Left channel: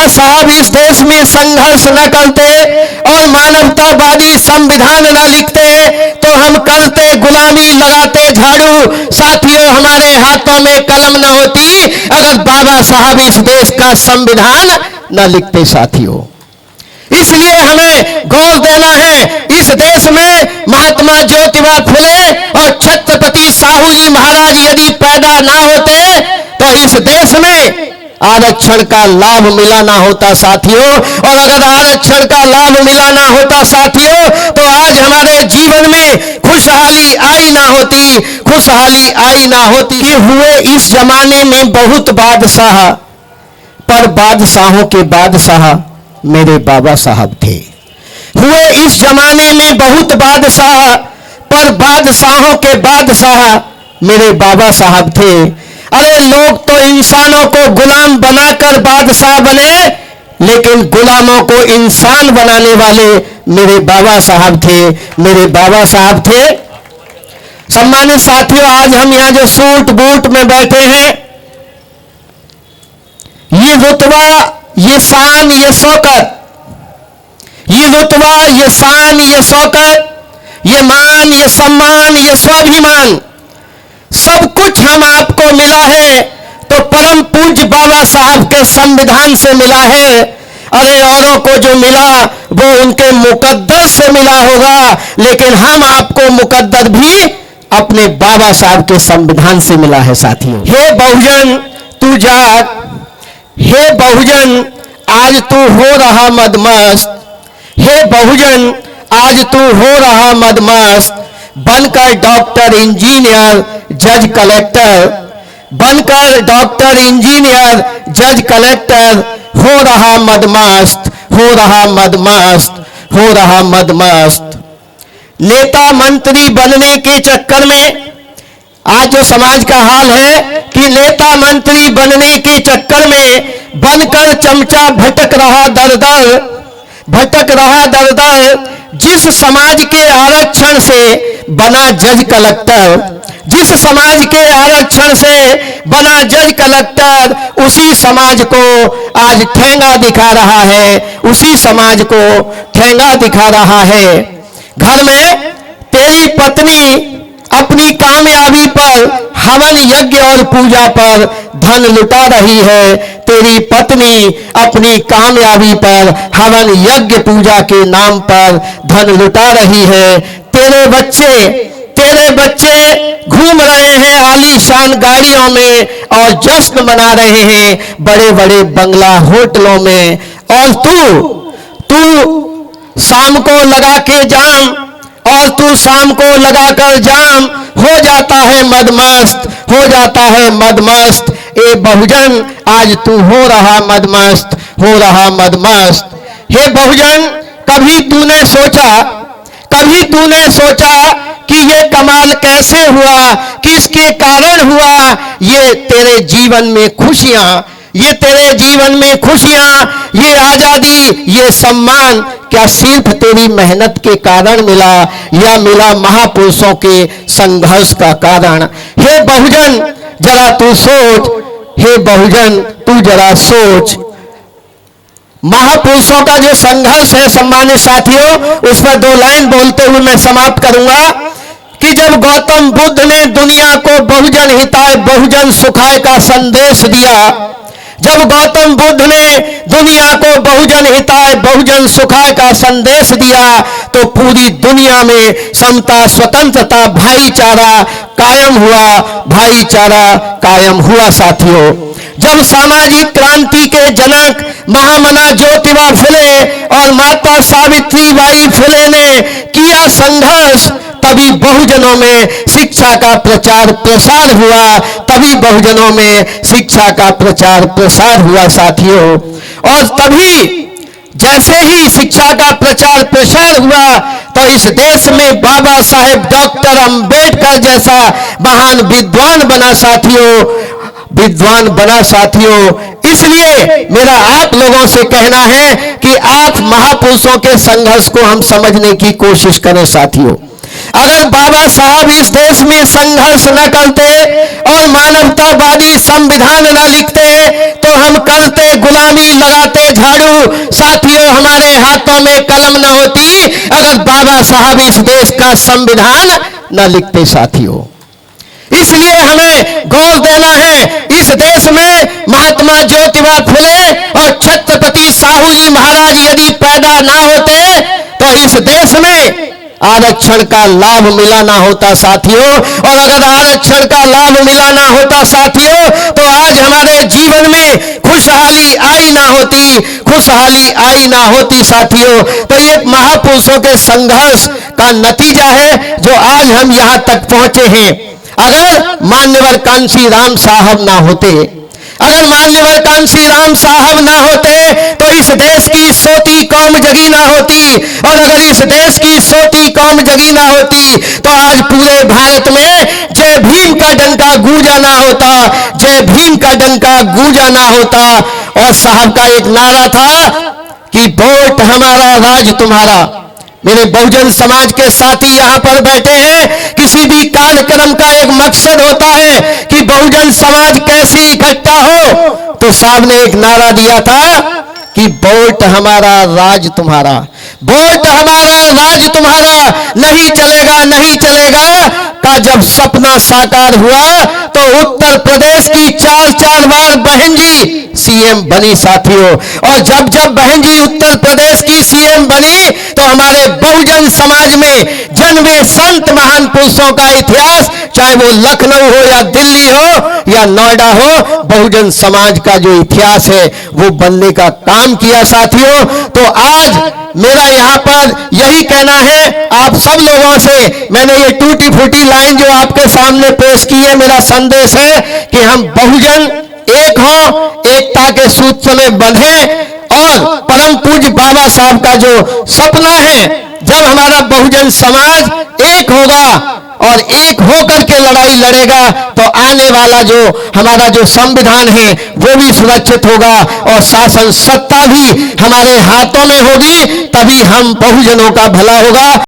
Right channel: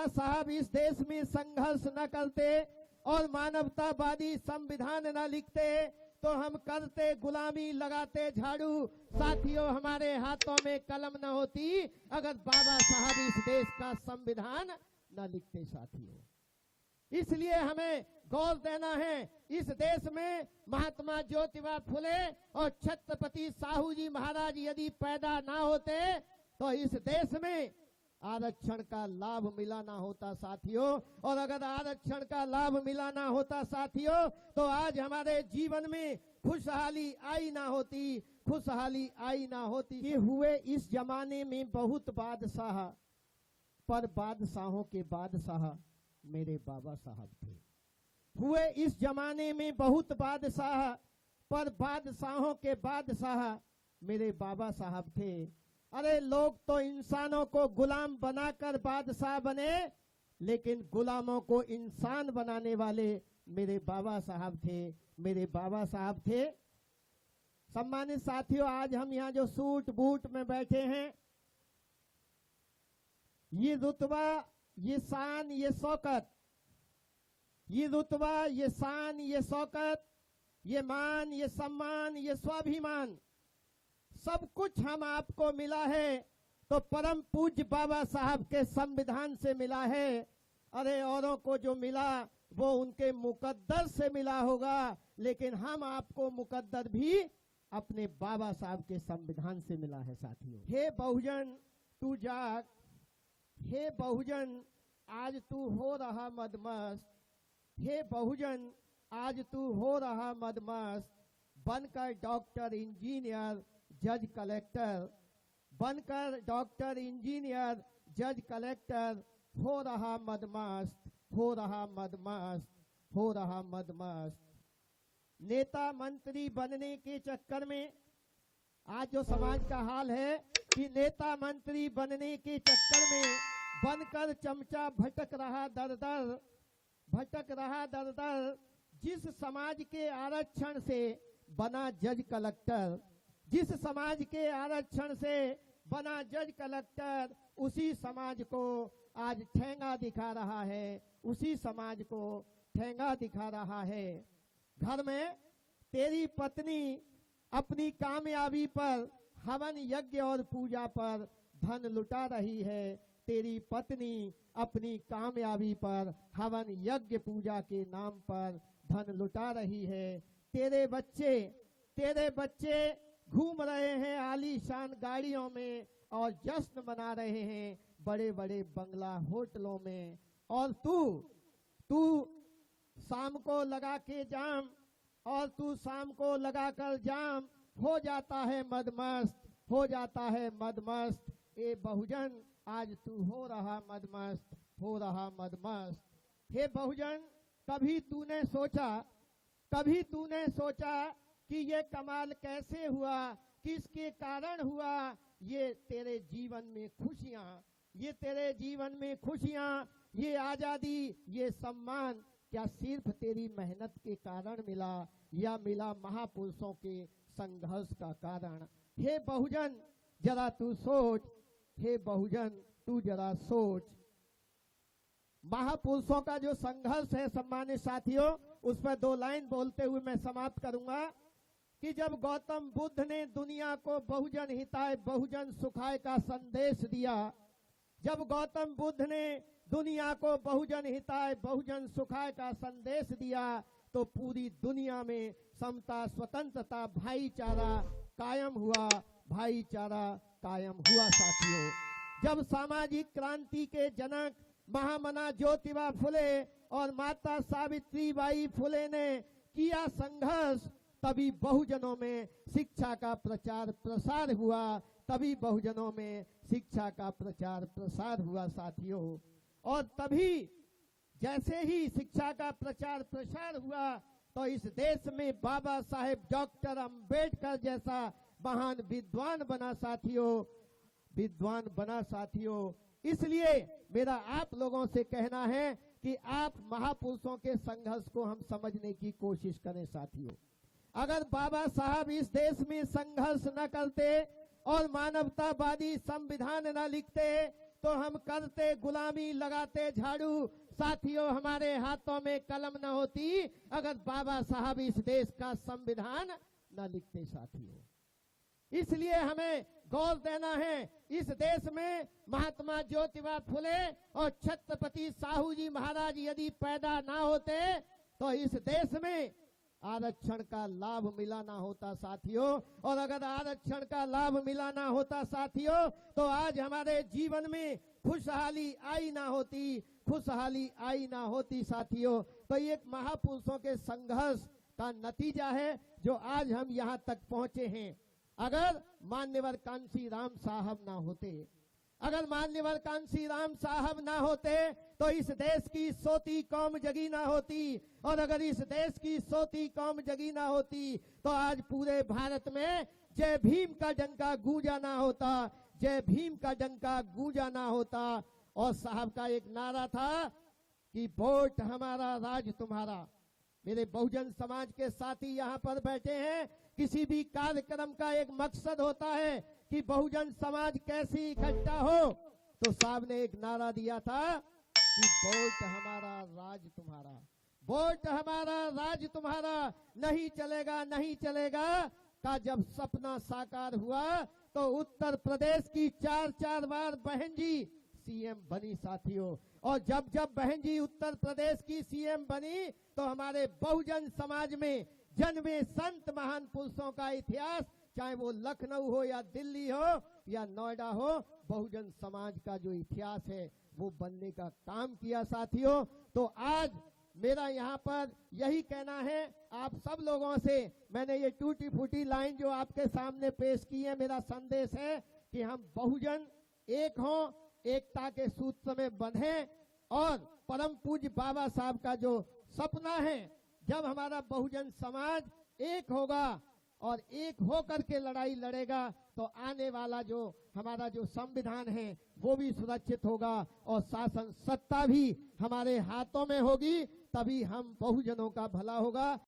बाबा साहब इस देश में संघर्ष न करते और मानवतावादी संविधान न लिखते तो हम करते गुलामी, लगाते झाड़ू। साथियों, हमारे हाथों में कलम न होती अगर बाबा साहब इस देश का संविधान न लिखते। साथियों, इसलिए हमें गौर देना है, इस देश में महात्मा ज्योतिबा फुले और छत्रपति साहू जी महाराज यदि पैदा ना होते तो इस देश में आरक्षण का लाभ मिला ना होता। साथियों, और अगर आरक्षण का लाभ मिला ना होता साथियों, तो आज हमारे जीवन में खुशहाली आई ना होती, खुशहाली आई ना होती। कि हुए इस जमाने में बहुत बादशाह, पर बादशाहों के बादशाह मेरे बाबा साहब थे। हुए इस जमाने में बहुत बादशाह, पर बादशाहों के बादशाह मेरे बाबा साहब थे। अरे लोग तो इंसानों को गुलाम बनाकर बादशाह बने, लेकिन गुलामों को इंसान बनाने वाले मेरे बाबा साहब थे, मेरे बाबा साहब थे। सम्मानित साथियों, आज हम यहां जो सूट बूट में बैठे हैं, ये रुतबा, ये शान, ये शौकत, ये रुतबा, ये शान, ये शौकत, ये मान, ये सम्मान, ये स्वाभिमान, सब कुछ हम आपको मिला है तो परम पूज्य बाबा साहब के संविधान से मिला है। अरे औरों को जो मिला वो उनके मुकद्दर से मिला होगा, लेकिन हम आपको मुकद्दर भी अपने बाबा साहब के संविधान से मिला है। साथियों, हे बहुजन तू जाग, हे बहुजन आज तू हो रहा मदमस्त, हे बहुजन आज तू हो रहा मदमस्त, बनकर डॉक्टर, इंजीनियर, जज, कलेक्टर, बनकर डॉक्टर, इंजीनियर, जज, कलेक्टर हो रहा मदमस्त, हो रहा मदमस्त, हो रहा मदमस्त। नेता मंत्री बनने के चक्कर में आज जो समाज का हाल है कि नेता मंत्री बनने के चक्कर में बनकर चमचा भटक रहा दर दर, भटक रहा दर दर। जिस समाज के आरक्षण से बना जज कलेक्टर, जिस समाज के आरक्षण से बना जज कलेक्टर, उसी समाज को आज ठेंगा दिखा रहा है, उसी समाज को ठेंगा दिखा रहा है। घर में तेरी पत्नी अपनी कामयाबी पर हवन, यज्ञ और पूजा पर धन लुटा रही है। तेरी पत्नी अपनी कामयाबी पर हवन, यज्ञ, पूजा के नाम पर धन लुटा रही है। तेरे बच्चे घूम रहे हैं आलीशान गाड़ियों में और जश्न मना रहे हैं बड़े बड़े बंगला होटलों में, और तू शाम को लगा के जाम, और तू शाम को लगाकर जाम हो जाता है मदमस्त, हो जाता है मदमस्त। ए बहुजन आज तू हो रहा मदमस्त, हो रहा मदमस्त। हे बहुजन, कभी तूने सोचा कि ये कमाल कैसे हुआ, किसके कारण हुआ? ये तेरे जीवन में खुशियां, ये तेरे जीवन में खुशियां, ये आजादी, ये सम्मान क्या सिर्फ तेरी मेहनत के कारण मिला या मिला महापुरुषों के संघर्ष का कारण? हे बहुजन जरा तू सोच, हे बहुजन तू जरा सोच। महापुरुषों का जो संघर्ष है सम्मानित साथियों, उस पर 2 लाइन बोलते हुए मैं समाप्त करूंगा कि जब गौतम बुद्ध ने दुनिया को बहुजन हिताय बहुजन सुखाय का संदेश दिया, जब गौतम बुद्ध ने दुनिया को बहुजन हिताय बहुजन सुखाय का संदेश दिया, तो पूरी दुनिया में समता, स्वतंत्रता, भाईचारा कायम हुआ, भाईचारा कायम हुआ। साथियों, जब सामाजिक क्रांति के जनक महामना ज्योतिबा फुले और माता सावित्रीबाई फुले ने किया संघर्ष, तभी बहुजनों में शिक्षा का प्रचार प्रसार हुआ, तभी बहुजनों में शिक्षा का प्रचार प्रसार हुआ। साथियों, और तभी जैसे ही शिक्षा का प्रचार प्रसार हुआ तो इस देश में बाबा साहेब डॉक्टर अंबेडकर जैसा महान विद्वान बना। साथियों, विद्वान बना। साथियों, इसलिए मेरा आप लोगों से कहना है कि आप महापुरुषों के संघर्ष को हम समझने की कोशिश करें। साथियों, अगर बाबा साहब इस देश में संघर्ष न करते और मानवतावादी संविधान न लिखते तो हम करते गुलामी, लगाते झाड़ू। साथियों, हमारे हाथों में कलम न होती अगर बाबा साहब इस देश का संविधान न लिखते। साथियों, इसलिए हमें गौर देना है, इस देश में महात्मा ज्योतिबा फुले और छत्रपति साहू जी महाराज यदि पैदा ना होते तो इस देश में आरक्षण का लाभ मिला ना होता। साथियों, और अगर आरक्षण का लाभ मिला ना होता साथियों, तो आज हमारे जीवन में खुशहाली आई ना होती, खुशहाली आई ना होती। साथियों, तो ये महापुरुषों के संघर्ष का नतीजा है जो आज हम यहां तक पहुंचे हैं। अगर मान्यवर कांशी राम साहब ना होते, अगर मान्यवर कांशी राम साहब ना होते तो इस देश की सोती कौम जगी ना होती, और अगर इस देश की सोती कौम जगी ना होती तो आज पूरे भारत में जय भीम का डंका गूंजा ना होता, जय भीम का डंका गूंजा ना होता। और साहब का एक नारा था कि वोट हमारा राज तुम्हारा। मेरे बहुजन समाज के साथी यहां पर बैठे हैं, किसी भी कार्यक्रम का एक मकसद होता है कि बहुजन समाज कैसे इकट्ठा हो, तो साहब ने एक नारा दिया था कि वोट हमारा राज तुम्हारा, वोट हमारा राज तुम्हारा। नहीं चलेगा, नहीं चलेगा का जब सपना साकार हुआ तो उत्तर प्रदेश की 4 बार बहन जी सीएम बनी। साथियों, और जब जब बहन जी उत्तर प्रदेश की सीएम बनी तो हमारे बहुजन समाज में जन्मे संत महान पुरुषों का इतिहास, चाहे वो लखनऊ हो या दिल्ली हो या नोएडा हो, बहुजन समाज का जो इतिहास है वो बनने का काम किया। साथियों, तो आज मेरा यहां पर यही कहना है आप सब लोगों से, मैंने ये टूटी फूटी लाइन जो आपके सामने पेश की है, मेरा संदेश है कि हम बहुजन एक हो, एकता के सूत्र में बंधे, और परम पूज्य बाबा साहब का जो सपना है, जब हमारा बहुजन समाज एक होगा और एक होकर के लड़ाई लड़ेगा तो आने वाला जो हमारा जो संविधान है वो भी सुरक्षित होगा और शासन सत्ता भी हमारे हाथों में होगी, तभी हम बहुजनों का भला होगा।